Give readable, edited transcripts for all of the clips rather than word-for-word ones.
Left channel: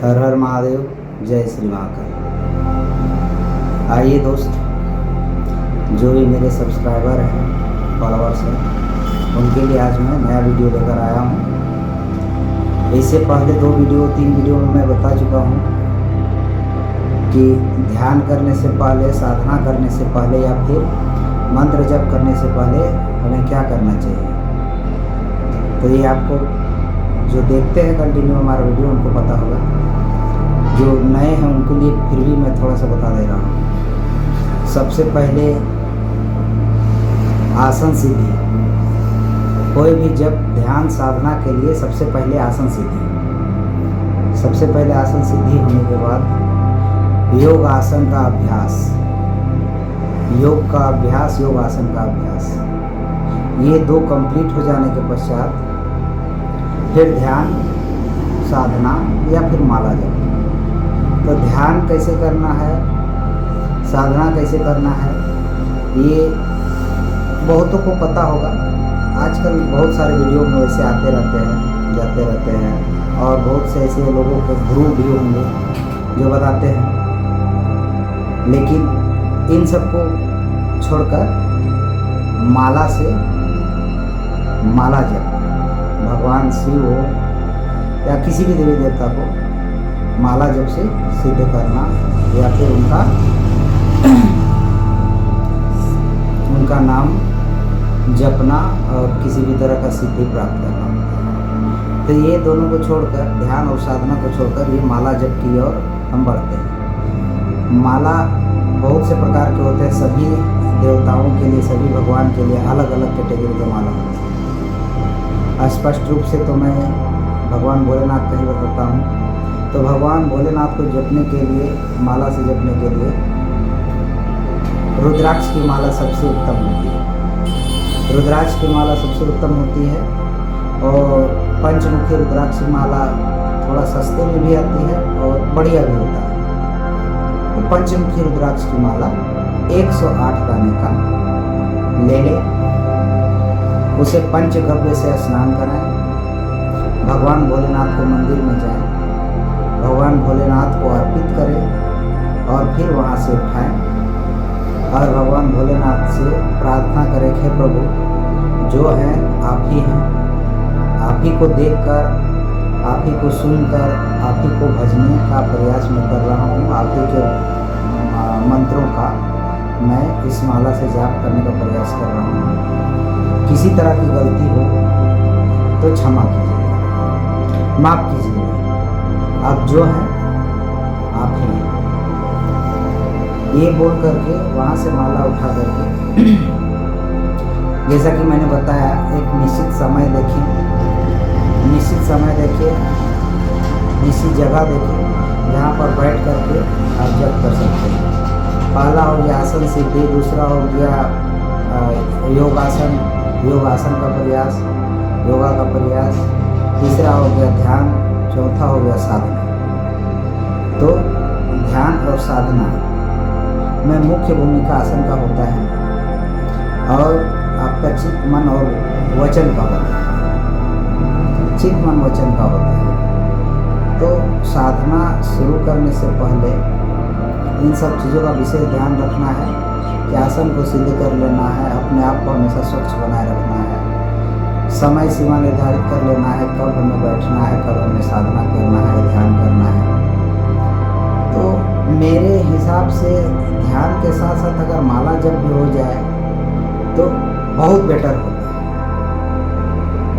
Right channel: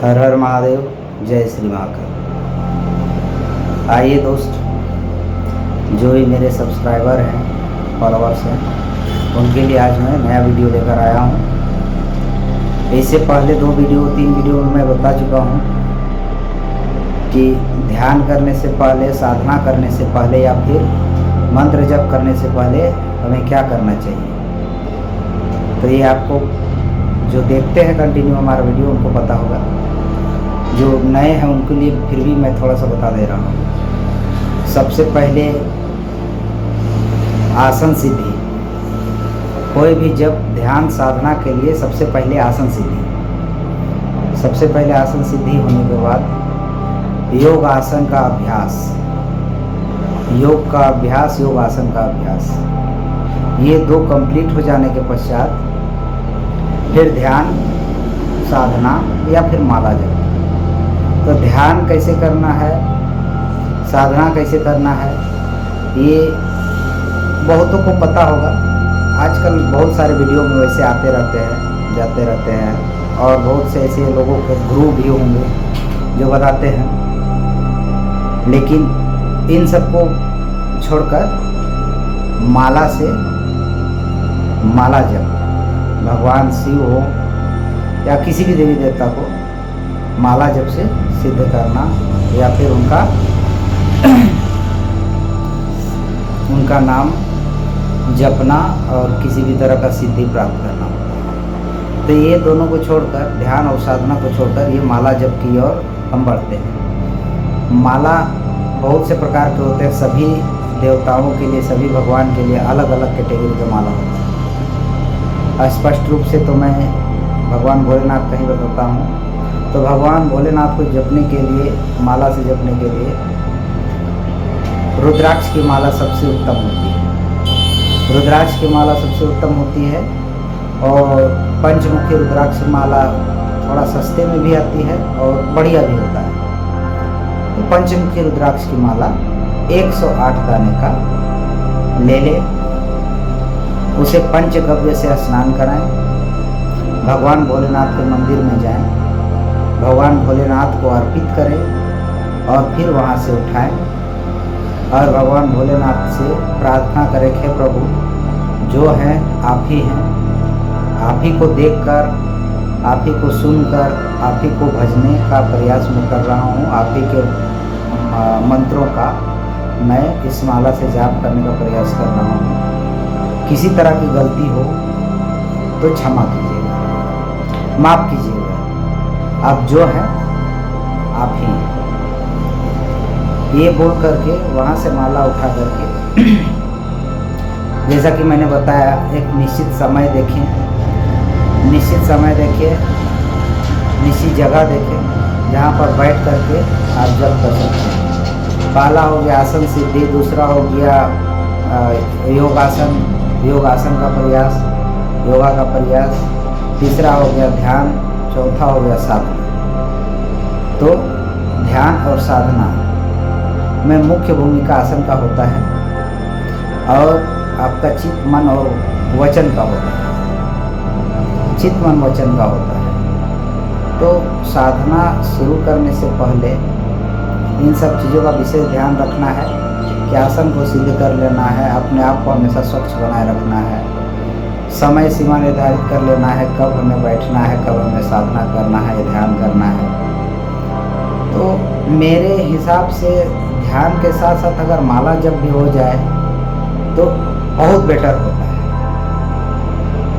हर हर महादेव, जय श्री महाकाल। आइए दोस्त, जो भी मेरे सब्सक्राइबर हैं, फॉलोअर्स हैं, उनके लिए आज मैं नया वीडियो लेकर आया हूँ। इससे पहले 2-3 वीडियो में मैं बता चुका हूँ कि ध्यान करने से पहले, साधना करने से पहले या फिर मंत्र जप करने से पहले हमें क्या करना चाहिए। तो ये आपको जो देखते हैं कंटिन्यू हमारा वीडियो उनको पता होगा, जो नए हैं उनके लिए फिर भी मैं थोड़ा सा बता दे रहा हूँ। सबसे पहले आसन सिद्धि। कोई भी जब ध्यान साधना के लिए सबसे पहले आसन सिद्धि, सबसे पहले आसन सिद्धि होने के बाद योग आसन का अभ्यास, योग का अभ्यास, योग आसन का अभ्यास, ये 2 कंप्लीट हो जाने के पश्चात फिर ध्यान साधना या फिर माला जप। तो ध्यान कैसे करना है, साधना कैसे करना है, ये बहुतों को पता होगा। आजकल बहुत सारे वीडियो में वैसे आते रहते हैं, जाते रहते हैं, और बहुत से ऐसे लोगों के ग्रुप भी होंगे जो बताते हैं। लेकिन इन सबको छोड़कर माला से, माला जप, भगवान शिव हो या किसी भी देवी देवता को माला जप से सिद्ध करना या फिर उनका नाम जपना और किसी भी तरह का सिद्धि प्राप्त करना। तो ये दोनों को छोड़कर, ध्यान और साधना को छोड़कर, ये माला जप की ओर हम बढ़ते हैं। माला बहुत से प्रकार के होते हैं, सभी देवताओं के लिए, सभी भगवान के लिए अलग अलग कैटेगरी का माला होता है। स्पष्ट रूप से तो मैं भगवान भोलेनाथ का ही बताता हूँ। तो भगवान भोलेनाथ को जपने के लिए, माला से जपने के लिए रुद्राक्ष की माला सबसे उत्तम होती है। रुद्राक्ष की माला सबसे उत्तम होती है, और पंचमुखी रुद्राक्ष की माला थोड़ा सस्ते में भी आती है और बढ़िया भी होता है। तो पंचमुखी रुद्राक्ष की माला 108 दाने का ले ले, उसे पंचगव्य से स्नान कराएं, भगवान भोलेनाथ के मंदिर में जाएं, भगवान भोलेनाथ को अर्पित करें और फिर वहाँ से उठाएं और भगवान भोलेनाथ से प्रार्थना करें कि हे प्रभु, जो हैं आप ही हैं, आप ही को देखकर, आप ही को सुनकर, आप ही को भजने का प्रयास मैं कर रहा हूँ। आप ही के मंत्रों का मैं इस माला से जाप करने का प्रयास कर रहा हूँ। किसी तरह की गलती हो तो क्षमा कीजिएगा, माफ़ कीजिएगा, आप जो हैं आप ही हैं। ये बोल करके वहाँ से माला उठा करके जैसा कि मैंने बताया, एक निश्चित समय देखें, निश्चित समय देखें, निश्चित जगह देखें जहाँ पर बैठ करके आप जप कर सकते हैं। पहला हो गया आसन सिद्धि, दूसरा हो गया योगासन, योगासन का प्रयास, योगा का प्रयास, तीसरा हो गया ध्यान, चौथा हो गया साधना। तो ध्यान और साधना में मुख्य भूमिका आसन का होता है, और आपका चित्त, मन और वचन का होता है, चित्त, मन, वचन का होता है। तो साधना शुरू करने से पहले इन सब चीज़ों का विशेष ध्यान रखना है कि आसन को सिद्ध कर लेना है, अपने आप को हमेशा स्वच्छ बनाए रखना है, समय सीमा निर्धारित कर लेना है, कब हमें बैठना है, कब हमें साधना करना है, ध्यान करना है। तो मेरे हिसाब से ध्यान के साथ साथ अगर माला जप भी हो जाए तो बहुत बेटर होता है,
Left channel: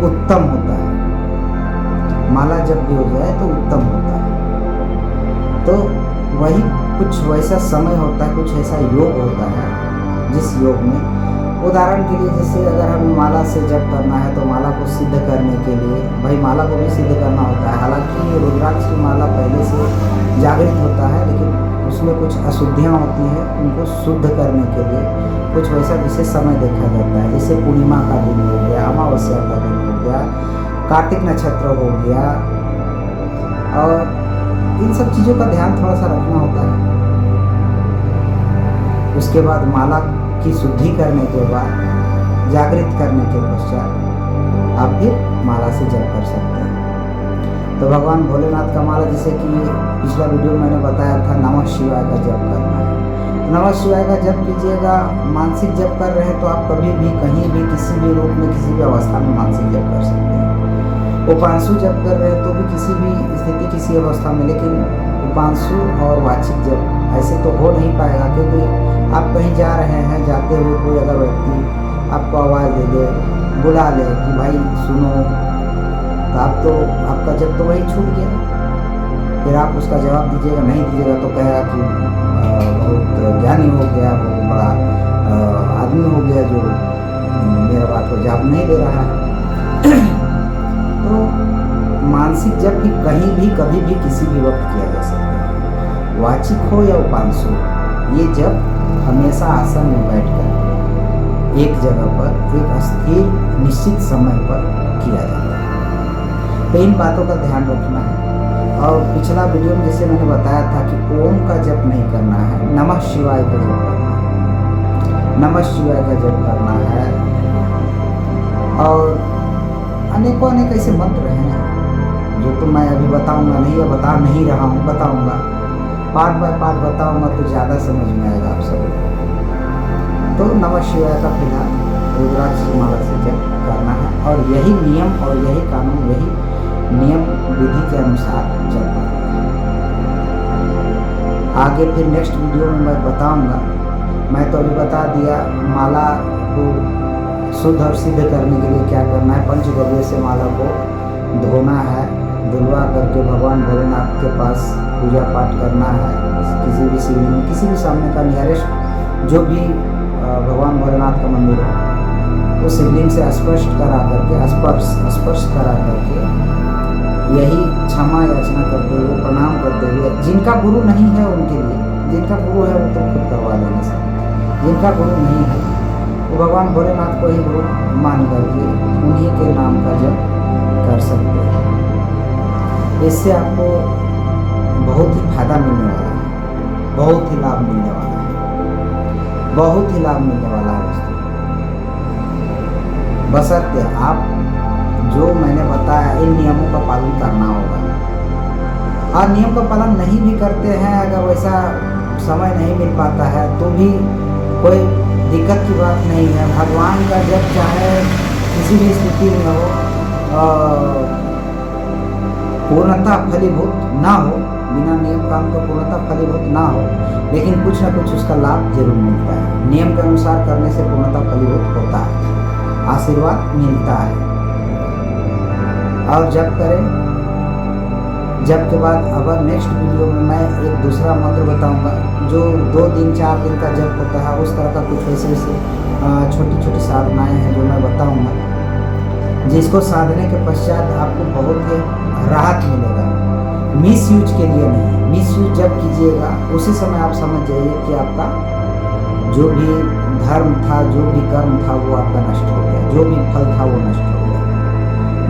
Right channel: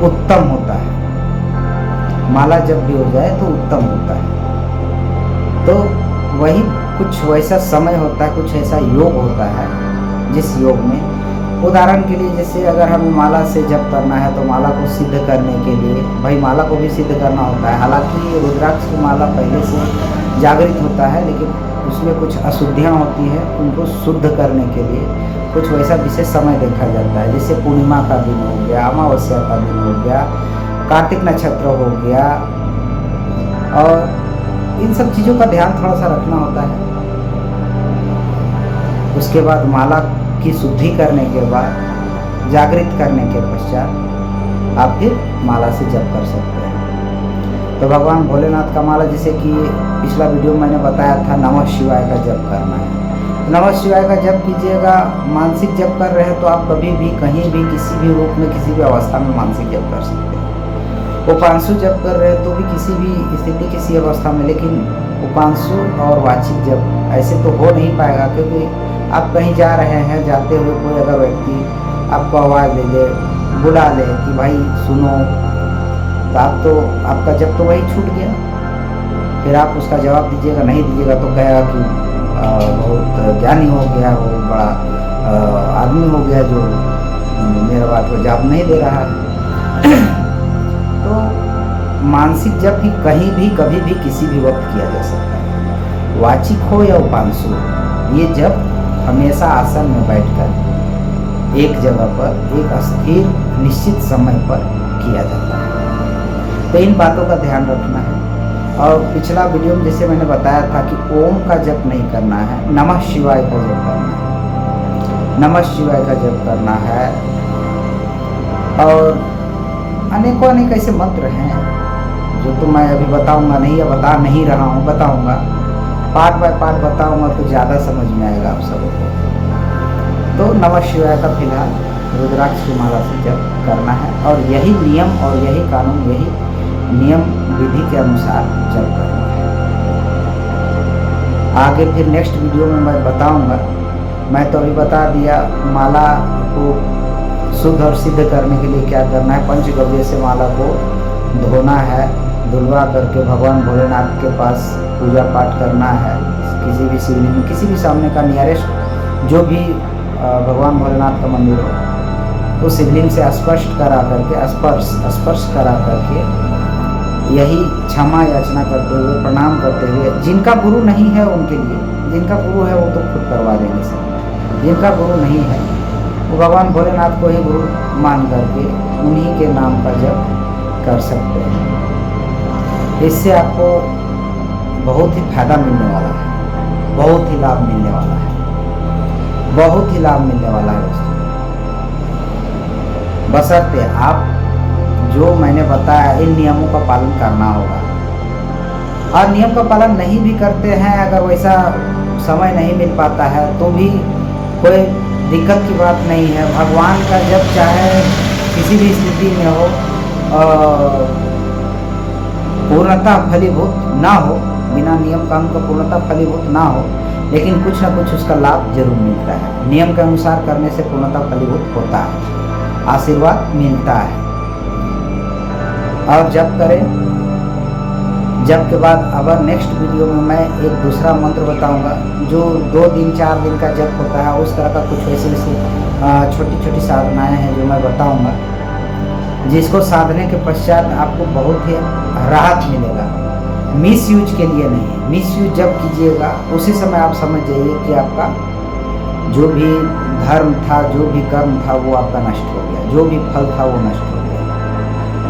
उत्तम होता है। माला जप भी हो जाए तो उत्तम होता है। तो वही कुछ वैसा समय होता है, कुछ ऐसा योग होता है, जिस योग में, उदाहरण के लिए, जैसे अगर हमें माला से जप करना है तो माला को सिद्ध करने के लिए भाई माला को भी सिद्ध करना होता है। हालांकि रुद्राक्ष की माला पहले से जागृत होता है, लेकिन उसमें कुछ अशुद्धियाँ होती हैं, उनको शुद्ध करने के लिए कुछ वैसा विशेष समय देखा जाता है। जैसे पूर्णिमा का दिन हो गया, अमावस्या का दिन हो गया, कार्तिक नक्षत्र हो गया, और इन सब चीज़ों का ध्यान थोड़ा सा रखना होता है। उसके बाद माला की शुद्धि करने के बाद, जागृत करने के पश्चात आप फिर माला से जप कर सकते हैं। तो भगवान भोलेनाथ का माला, जैसे कि पिछला वीडियो में मैंने बताया था, नमः शिवाय का जप करना है। तो नमः शिवाय का जप कीजिएगा। मानसिक जप कर रहे हैं तो आप कभी भी, कहीं भी, किसी भी रूप में, किसी भी अवस्था में मानसिक जप कर सकते हैं। उपांशु जप कर रहे हैं तो भी किसी भी स्थिति, किसी अवस्था में, लेकिन उपांशु और वाचिक जप ऐसे तो हो नहीं पाएगा, क्योंकि आप कहीं जा रहे हैं, जाते हुए कोई अगर व्यक्ति आपको आवाज़ दे दे, बुला ले कि भाई सुनो, तो आपका जब तो वही छूट गया। फिर आप उसका जवाब दीजिएगा, नहीं दीजिएगा तो कहेगा कि बहुत ज्ञानी हो गया, वो बड़ा आदमी हो गया जो मेरा बात को जवाब नहीं दे रहा है। तो मानसिक जप ही कहीं भी, कभी भी, किसी भी वक्त किया जा सकता है, वाचिक हो या उपांशु। ये जप हमेशा आसन में बैठकर एक जगह पर एक स्थिर निश्चित समय पर किया जाता है। तो इन बातों का ध्यान रखना है। और पिछला वीडियो में जैसे मैंने बताया था कि ओम का जप नहीं करना है, नमः शिवाय का जप करना है, नमः शिवाय का जप करना है। और अनेकों अनेक ऐसे मंत्र हैं जो तो मैं अभी बताऊंगा नहीं, या बता नहीं रहा हूँ, बताऊंगा, पार्ट बाय पार्ट बताऊंगा तो ज़्यादा समझ में आएगा आप सबको। तो नमः शिवाय का फिलहाल रुद्राक्ष की माला से जप करना है, और यही नियम और यही कानून, यही नियम विधि के अनुसार जप करना है। आगे फिर नेक्स्ट वीडियो में मैं बताऊंगा। मैं तो अभी बता दिया माला को शुद्ध और सिद्ध करने के लिए क्या करना है। पंचगव्य से माला को धोना है, धुलवा करके भगवान भोलेनाथ के पास पूजा पाठ करना है। किसी भी शिवलिंग में, किसी भी सामने का नियरेस्ट जो भी भगवान भोलेनाथ का मंदिर हो, उस शिवलिंग से स्पर्श करा करके, स्पर्श करा करके यही क्षमा याचना करते हुए, प्रणाम करते हुए, जिनका गुरु नहीं है उनके लिए, जिनका गुरु है वो तो खुद करवा देंगे सब, जिनका गुरु नहीं है वो भगवान भोलेनाथ को ही गुरु मान करके उन्हीं के नाम का जप कर सकते हैं। इससे आपको बहुत ही फायदा मिलने वाला है, बहुत ही लाभ मिलने वाला है, बहुत ही लाभ मिलने वाला है दोस्तों। बशर्ते आप जो मैंने बताया इन नियमों का पालन करना होगा। और नियम का पालन नहीं भी करते हैं, अगर वैसा समय नहीं मिल पाता है तो भी कोई दिक्कत की बात नहीं है। भगवान का जब चाहे किसी भी स्थिति में हो, पूर्णतः फलीभूत ना हो, बिना नियम काम का पूर्णतः फलीभूत ना हो, लेकिन कुछ ना कुछ उसका लाभ जरूर मिलता है। नियम के अनुसार करने से पूर्णतः फलीभूत होता है, आशीर्वाद मिलता है। और जप करें। जप के बाद अगर नेक्स्ट वीडियो में मैं एक दूसरा मंत्र बताऊंगा जो 2 दिन 4 दिन का जप होता है, उस तरह का कुछ वैसे छोटी छोटी साधनाएं हैं जो मैं बताऊंगा, जिसको साधने के पश्चात आपको बहुत ही राहत मिलेगा। मिस यूज के लिए नहीं, मिस यूज जब कीजिएगा उसी समय आप समझ जाइए कि आपका जो भी धर्म था, जो भी कर्म था, वो आपका नष्ट हो गया, जो भी फल था वो नष्ट हो गया।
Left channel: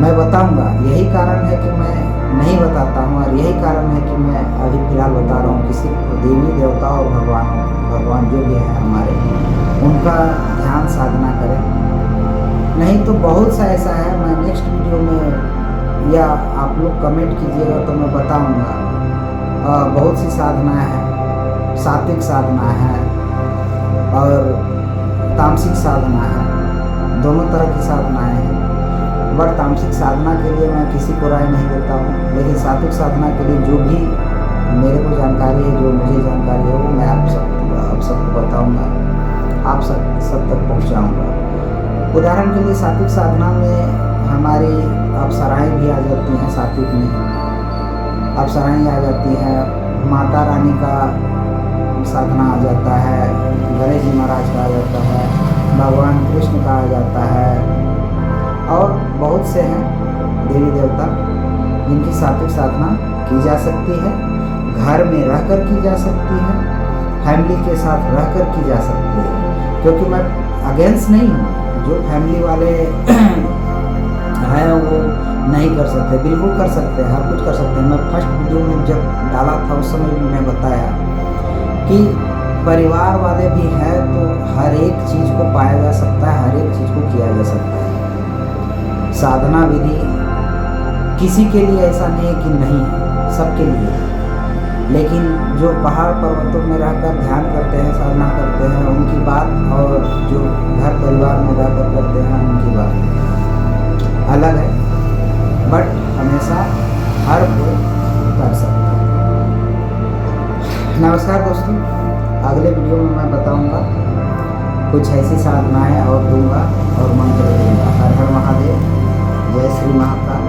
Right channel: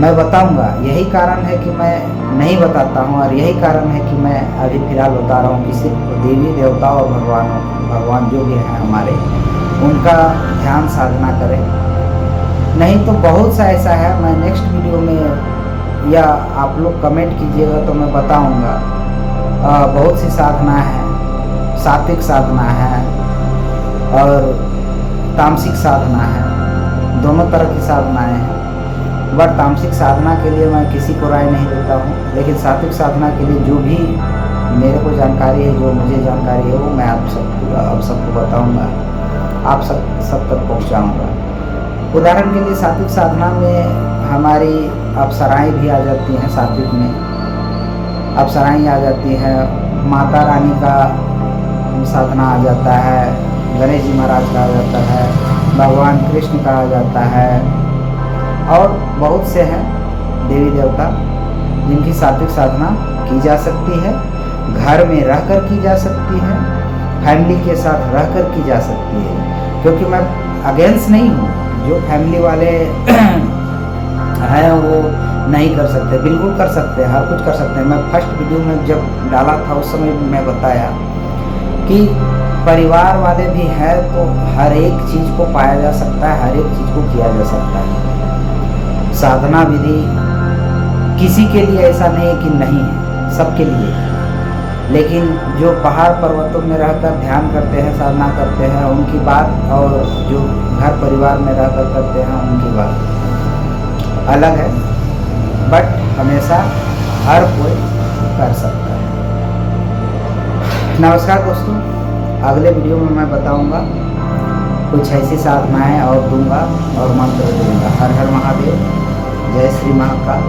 मैं बताऊंगा, यही कारण है कि मैं नहीं बताता हूँ, और यही कारण है कि मैं अभी फ़िलहाल बता रहा हूँ कि सिर्फ देवी देवता और भगवान जो भी हैं हमारे, उनका ध्यान साधना करें। नहीं तो बहुत सा ऐसा है, मैं नेक्स्ट वीडियो में या आप लोग कमेंट कीजिएगा तो मैं बताऊंगा। बहुत सी साधना है, सात्विक साधना है और तामसिक साधना है, दोनों तरह की साधनाएं हैं। बट तामसिक साधना के लिए मैं किसी को राय नहीं देता हूँ, लेकिन सात्विक साधना के लिए जो भी मेरे को जानकारी है, जो मुझे जानकारी है, वो मैं आप सबको बताऊँगा, आप सब तक पहुँचाऊँगा। उदाहरण के लिए सात्विक साधना में हमारी अप्सराएँ भी आ जाती हैं, सात्विक में अप्सराएँ आ जाती हैं, माता रानी का साधना आ जाता है, गणेश जी महाराज का आ जाता है, भगवान कृष्ण का आ जाता है, और बहुत से हैं देवी देवता जिनकी सात्विक साधना की जा सकती है। घर में रहकर की जा सकती है, फैमिली के साथ रहकर की जा सकती है, क्योंकि मैं अगेंस्ट नहीं हूँ। जो फैमिली वाले हैं वो नहीं कर सकते, बिल्कुल कर सकते हैं, हर कुछ कर सकते हैं। मैं फर्स्ट वीडियो में जब डाला था उस समय मैं बताया कि परिवार वाले भी हैं तो हर एक चीज़ को पाया जा सकता है, हर एक चीज़ को किया जा सकता है। साधना विधि किसी के लिए ऐसा नहीं है कि नहीं है, सबके लिए है। लेकिन जो पहाड़ पर्वतों में रहकर ध्यान करते हैं, साधना करते हैं, उनकी बात, और जो घर परिवार में रहकर करते हैं उनकी बात अलग है। बट हमेशा हर कोई कर सकता है। नमस्कार दोस्तों, अगले वीडियो में मैं बताऊंगा कुछ ऐसी साधनाएं और दूंगा और मंत्र दूंगा। हर हर महादेव, जय श्री महाकाल।